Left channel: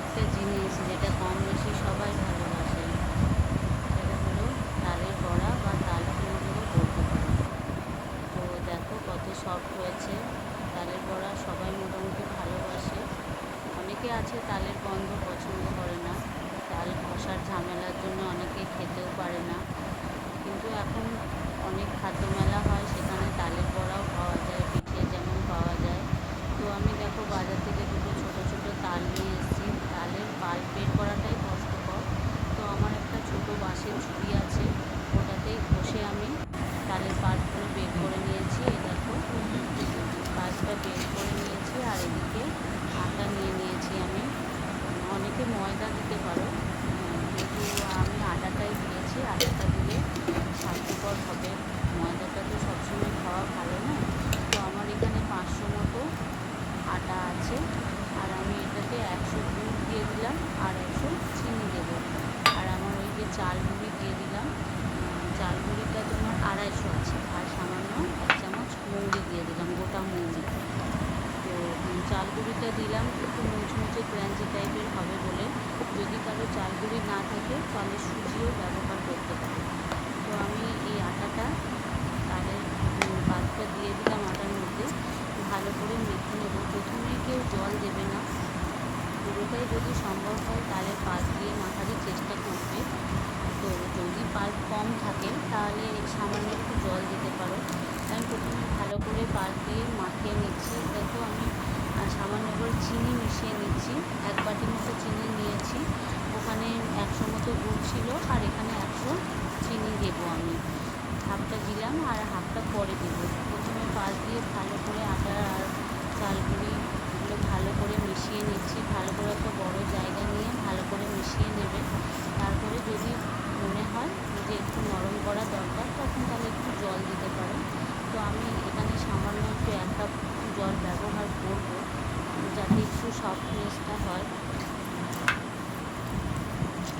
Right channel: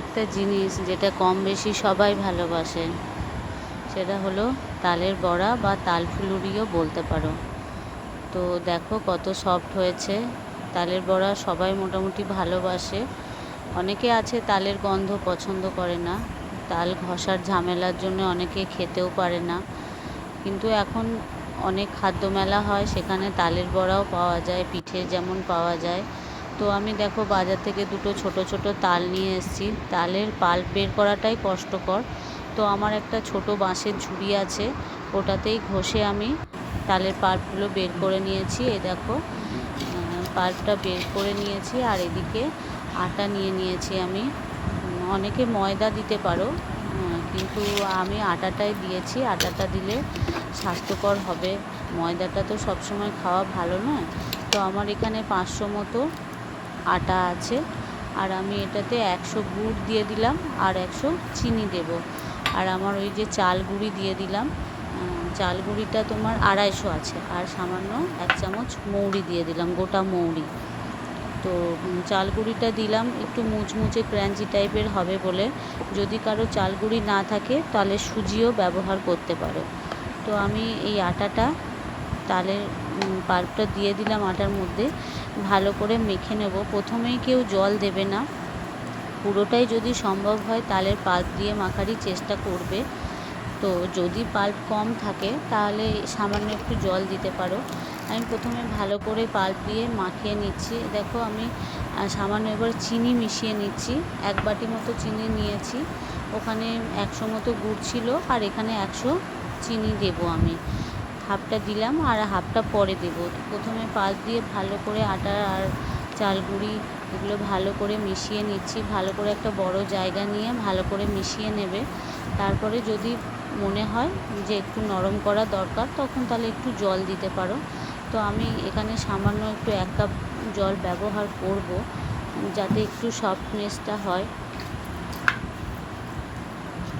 একটা জিনিস যেটা কম বেশি সবাই ভালোবাসে, সেটা হলো তালের বড়া বা তাল ফুলুরিও বলতে পারো। তো দেখো কত সফট হয়েছে। তালের বড়া সবাই মোটামুটি ভালোবাসে। অনেকে আছে তালের গন্ধ পছন্দ করে না। তাল ঘষার ঝামেলার জন্য অনেকে খেতেও পারে না। কিন্তু এখন অনেক খাদ্য মেলা হয়, সেখানে তালের বড়াও পাওয়া যায় পিঠে যেমন পাওয়া যায়। তো আমি দেখো বাজার থেকে দুটো ছোট ছোট তাল নিয়ে এসেছি। তালের পাল্প বের করাটাই কষ্টকর। তো আমার একটা ছোট বাঁশের ঝুড়ি আছে, ওটাতেই ঘষে আমি তালের পাল্পগুলো বের করে নিয়েছি। এই দেখো পাল্পটা বের করে নিয়েছি আর এদিকে আটা নিয়ে নিয়েছি আমি। অনেকে ময়দা দিতে পারো কিন্তু আমি আটাটাই দিয়েছি। আটাটা দিলে স্বাস্থ্যকর হবে। ময়দাটা তো সবসময় খাওয়া ভালো নয় তো আমার এখানে পাঁচশো মতো আটা আছে। আর আমি এটাতে একশো গুড় দিয়ে দিলাম আর একশো চিনি দেব। আর আমার ওই যে চাল গুঁড়ি দিয়ে দিলাম। চাল গুঁড়িটা তোমার আড়াইশো আছে। আর সামান্য এক চামচ মৌরি দিয়ে দিলাম, গোটা মৌরি। তো চাল গুঁড়িটা দিলাম একটু মুচমুচে ক্র্যাঞ্চি টাইপের হবে বলে। যদি কারও চাল গুঁড়ি না থাকে তাহলে সুজিও ব্যবহার করতে পারো। তো আমি এই আটাটা তালের পাল্পটা দিয়ে দিলাম আটার মধ্যে। ভালো করে মেখে নেব। প্রথমেই কেউ জল দেবে না। পুরোটাই যদি সম্ভব হয় তালের পাল্প দিয়ে মাখারই চেষ্টা করবে। তো যদি পাল্প কম থাকে তাহলে সামান্য একটু জল দিতে পারো। আমি প্রথমে ভালো করে পাল্প দিয়ে মাখিয়ে নিচ্ছি। দেখো আমি সামান্য এবার চিনি মিশিয়ে নিচ্ছি। এক বাটি মতো চিনি নিয়েছি। ওখানে একশো মতো গুড় ছিল আর এখানে একশো চিনি দেবো আমি। হাফটা দিলাম আর হাফটা পরে দেব। প্রথমে পাশ দিয়ে ভালো করে আটা আর চাল গুঁড়ি এগুলো ভালো করে মিশিয়ে নিচ্ছি। ভালো করে একটা বড় জায়গা নিয়ে ভালো করে মিশিয়ে নেবে। তারপরে যদি মনে হয় যে একটু নরম করা দরকার, তখন তাহলে একটু জল দিতে পারো। তো আমি এখানে সামান্য একটু এক কাপ জল ব্যবহার করব যাতে একটু সফটনেসটা হয়।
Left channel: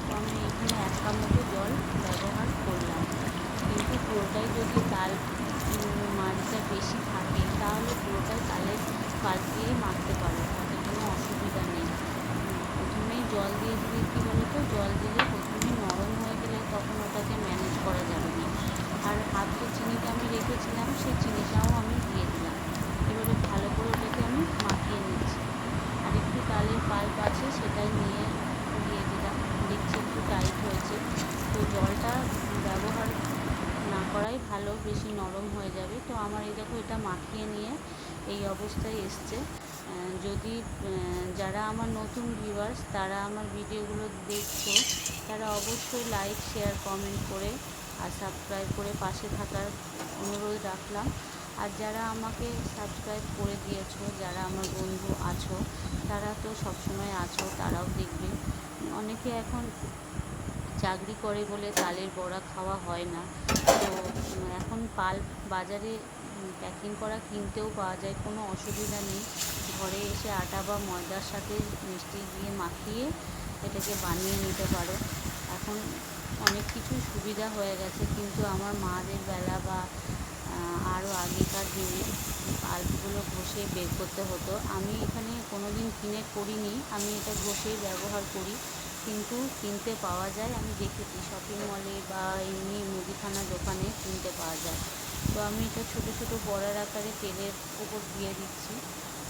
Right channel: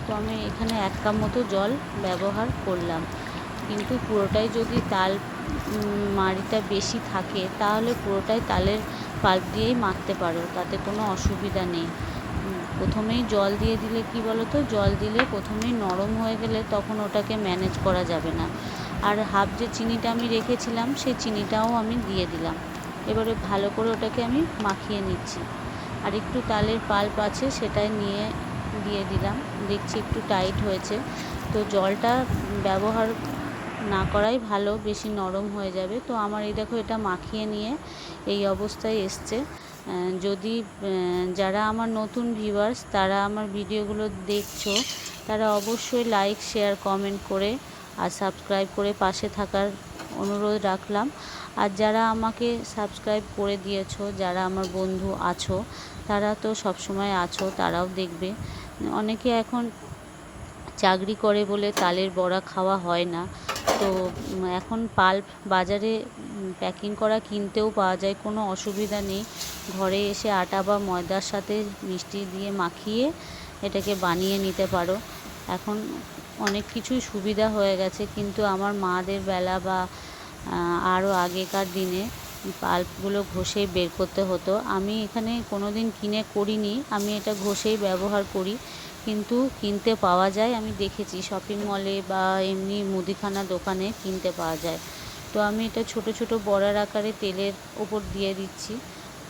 তো আমি এখানে এক কাপ মতো জল ব্যবহার করলাম। কিন্তু পুরোটাই যদি তাল মাড়িটা বেশি থাকে, তাহলে পুরোটাই তালের পাল্প দিয়েই মাখতে পারো, তাতে কোনো অসুবিধা নেই। প্রথমেই জল দিয়ে দিলে কি বলো তো জল দিলে প্রথমেই নরম হয়ে গেলে তখন ওটাকে ম্যানেজ করা যাবে না। আর হাফ যে চিনিটা আমি রেখেছিলাম, সেই চিনিটাও আমি দিয়ে দিলাম। এবারে ভালো করে ওটাকে আমি মাখিয়ে নিচ্ছি। আর একটু তালের পাল্প আছে সেটা নিয়ে দিয়ে দিলাম। দেখছি একটু টাইট হয়েছে। তো জলটা ব্যবহার না করাই ভালো, বেশি নরম হয়ে যাবে। তো আমার এই দেখো এটা মাখিয়ে নিয়ে এই অবস্থায় এসছে। যদি যারা আমার নতুন ভিউয়ার্স তারা আমার ভিডিওগুলো দেখছ, তারা অবশ্যই লাইক শেয়ার কমেন্ট করে আর সাবস্ক্রাইব করে পাশে থাকার অনুরোধ রাখলাম। আর যারা আমাকে সাবস্ক্রাইব করে দিয়েছ, যারা আমার বন্ধু আছো, তারা তো সবসময় আছো, তারাও দেখবে। অনেকে এখন চাকরি করে বলে তালের বড়া খাওয়া হয় না। তো এখন পাল্প বাজারে প্যাকিং করা কিনতেও পাওয়া যায়, কোনো অসুবিধা নেই। ঘরে এসে আটা বা ময়দার সাথে মিষ্টি দিয়ে মাখিয়ে এটাকে বানিয়ে নিতে পারো। এখন অনেক কিছুই সুবিধা হয়ে গেছে, কিন্তু আমার মাদের বেলা বা আরও আগেকার দিনে পাল্পগুলো ঘষে বের করতে হতো। আমি এখানে কোনো দিন কিনে করিনি, আমি এটা ঘষেই ব্যবহার করি। কিন্তু কিনতে পাওয়া যায়। আমি দেখেছি শপিং মলে বা এমনি মুদিখানা দোকানে কিনতে পাওয়া যায়। তো আমি এটা ছোট ছোট বড়ার আকারে তেলের ওপর দিয়ে দিচ্ছি।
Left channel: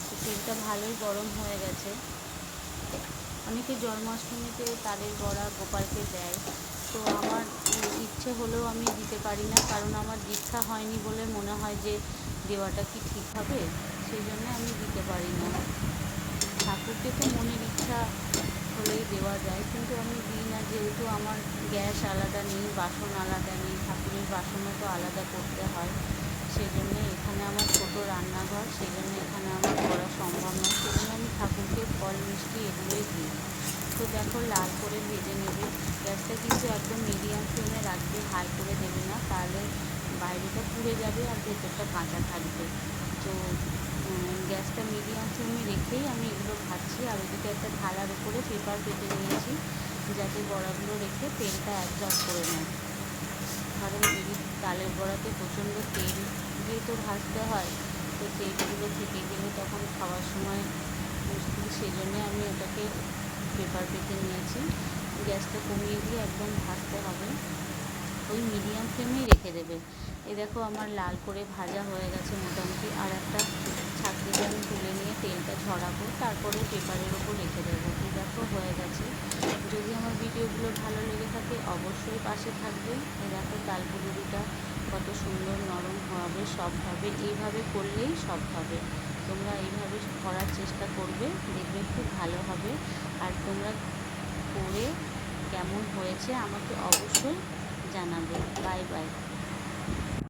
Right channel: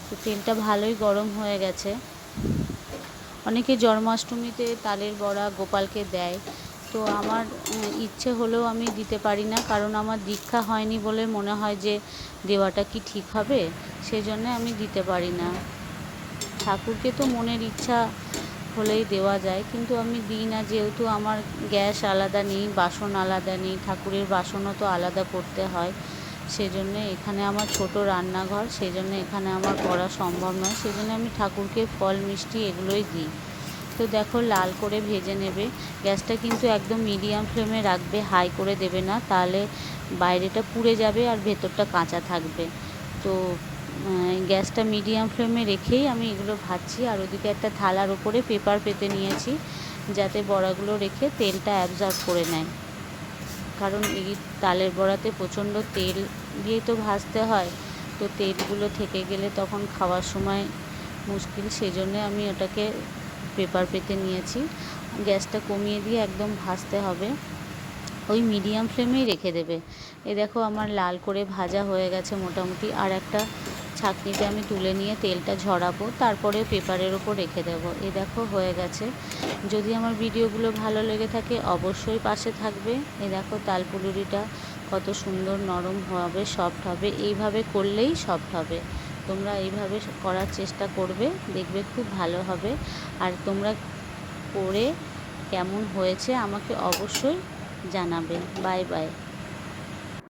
তো তেলটা ভালোই গরম হয়ে গেছে। অনেকে জন্মাষ্টমীতে তালের বড়া গোপালকে দেয়। তো আমার ইচ্ছে হলেও আমি দিতে পারি না। কারণ আমার দীক্ষা হয়নি বলে মনে হয় যে দেওয়াটা কি ঠিক হবে? সেজন্য আমি দিতে পারি না। ঠাকুরকে তো মনের ইচ্ছা হলেই দেওয়া যায়। কিন্তু আমি দিই না, যেহেতু আমার গ্যাস আলাদা নেই, বাসন আলাদা নেই, ঠাকুরের বাসনও তো আলাদা করতে হয়। সেজন্য এখানে আমার ছোট রান্নাঘর সেই জন্য এখানে আমার করা সম্ভব নয়। সেজন্য আমি ঠাকুরকে ফল, মিষ্টি এগুলোই দিই। তো দেখো, লাল করে ভেজে নেবে। গ্যাসটা কিন্তু একদম মিডিয়াম ফ্লেমে রাখবে, হাই করে দেবে না। তাহলে বাইরেটা পুড়ে যাবে আর ভেতরটা কাঁচা থাকবে। তো গ্যাসটা মিডিয়াম ফ্লেমে রেখেই আমি এগুলো ভাজছি। আর ওদিকে একটা থালার উপরে পেপার পেতে নিয়েছি, যাতে বড়াগুলো রেখে তেলটা অ্যাবজর্ব করে নেয়। কারণ এই তালের বড়াতে প্রচণ্ড তেল দিয়েই তো ভাজতে হয়, তো তেলগুলো থেকে গেলে তখন খাওয়ার সময় মুশকিল। সেই জন্যে আমি ওটাকে পেপার পেতে নিয়েছি। গ্যাসটা কমিয়ে দিয়ে একদম ভাজতে হবে। ওই মিডিয়াম ফ্লেমেই রেখে দেবে। এই দেখো আমার লাল করে ভাজা হয়ে গেছে মোটামুটি। আর একটা ছাঁকনিতে আমি তুলে নিয়ে তেলটা ঝরাবো, তারপরে পেপারের ওপর রেখে দেবো। এ দেখো, হয়ে গেছে। যদি আমার ভিডিওগুলো ভালো লেগে থাকে, অবশ্যই পাশে থাকবে। এ দেখো, তালপুলুরিটা কত সুন্দর নরম হবে, সফট হবে। এইভাবে করলেই সফট হবে। তোমরা এইভাবে করার চেষ্টা করবে, দেখবে খুব ভালো হবে। আর তোমরা করে কেমন হয়েছে আমাকে অবশ্যই জানাবে। Bye bye.